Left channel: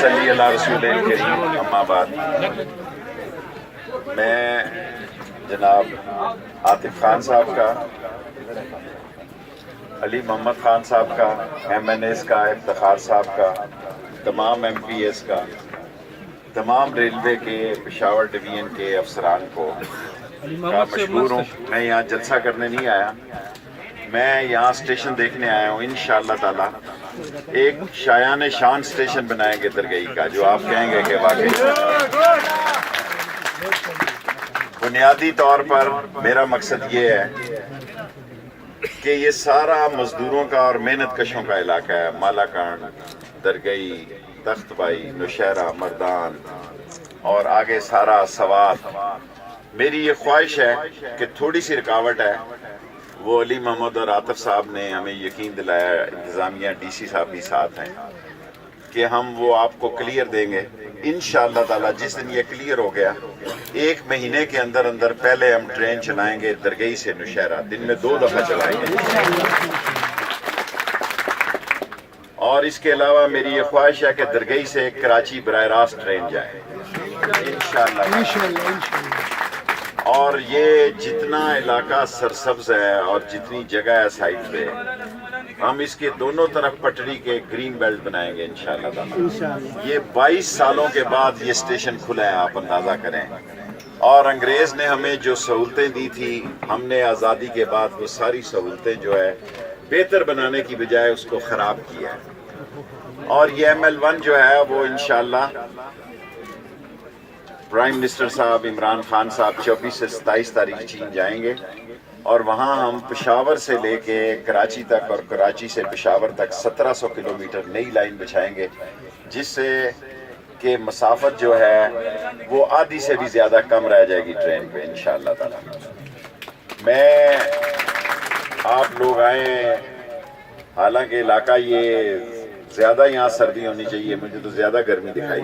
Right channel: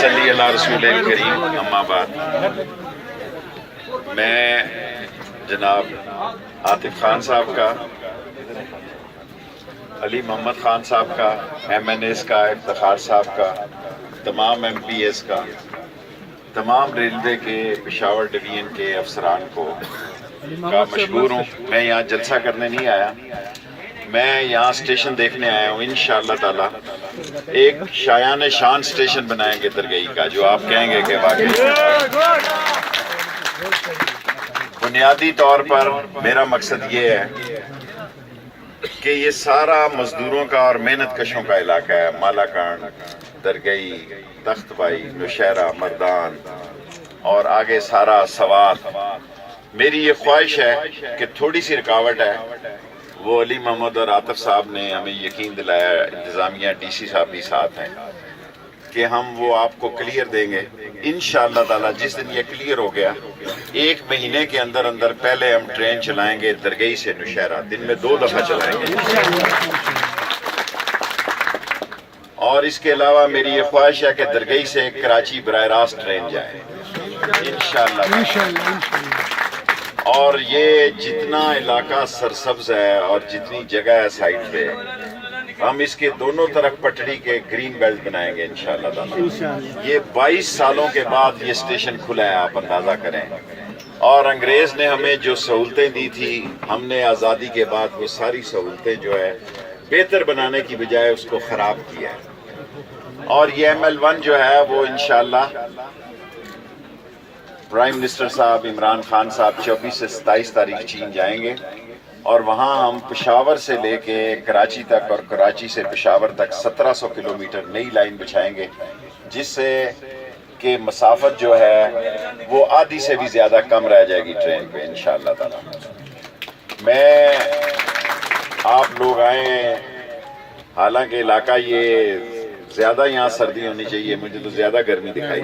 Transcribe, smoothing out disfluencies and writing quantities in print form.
صلی اللہ رسول کریم اما بعد، میں جناب عاطف خان صاحب کا، علی محمد خان صاحب کا، ایم این ایس کا، افتخار صاحب کا، تمام ایم پی ایس کا، تمام ریلوے کے پشاور ڈویژن کے افسران کو کا مشکور ہوں۔ میں یہاں جلسہ کرنے نہیں آیا، میں یہاں اسٹیشن دیکھنے آیا ہوں۔ انشاءاللہ تعالی ایک شایان شان اسٹیشن بنائیں گے درگئی کا، جو آپ کہیں گے کہ واقعی بنیادی طور پر میرا مقصد یہ ہے کہ یہ سارا مزدوروں کا اور محنت کشوں کا علاقہ ہے۔ مالاکان، درگئی، تخت بائی، نوشہرہ، مردان اور آگے سارا سوات۔ میری یہ خواہش ہے کہ تھوڑی سی رکاوٹ ہے، وہ علی محمد اور عاطف صاحب نے ہمیں یقین دلایا، انتظامیہ ڈی سی صاحب بھی ساتھ ہیں، کہ ہم وہ آپ کو کلیئر دیں گے انشاءاللہ تعالی۔ جس دن یہ کلیئر ہو گیا، 1 مہینے کے اندر اندر پہلے ہم ٹرین چلائیں گے درگئی سے نوشہرہ، دن میں 2 دفعہ چلائیں گے۔ اور اس کے علاوہ میری یہ خواہش ہے کہ درگئی سے کراچی براہ راست ٹرین جائے انشاءاللہ۔ اور یہ جتنا علاقہ سرسبز ہے اور جتنی جگہ ہے سائٹ پہ، ہم اس کے دونوں طرف پٹڑی کے گرین بیلٹ بنائیں گے انشاءاللہ تعالی۔ یہ 22 سالوں کے بعد یہ اسٹیشن کھلا ہے، آپ اندازہ کریں۔ اور انگریز نے ہمیں جو سہولتیں دی تھی، ہم نے آزادی کے بعد وہ ساری سہولتیں جو ہے بہتر بنانے کی بجائے اس کو خراب کیا ہے۔ اور یہ ML1 جو ہے وہ انشاءاللہ پرائم منسٹر صاحب عمران خان صاحب 24 سے 27 تاریخ چین جائیں گے، اور وہاں ہم پشاور سے لے کے کراچی تک اور کراچی سے پشاور تک 1700 کلومیٹر نئی لائن بچھائیں گے، جس سے کہ مسافت جو ہے وہ آدھی سے بھی زیادہ کم رہ جائے گی ٹرین پہ انشاءاللہ تعالی۔ میں آپ لوگ آئیں، حالانکہ علاقہ یہ زیادہ یہاں سردی ہونی چاہیے، مجھے تو زیادہ گرمی دکھائی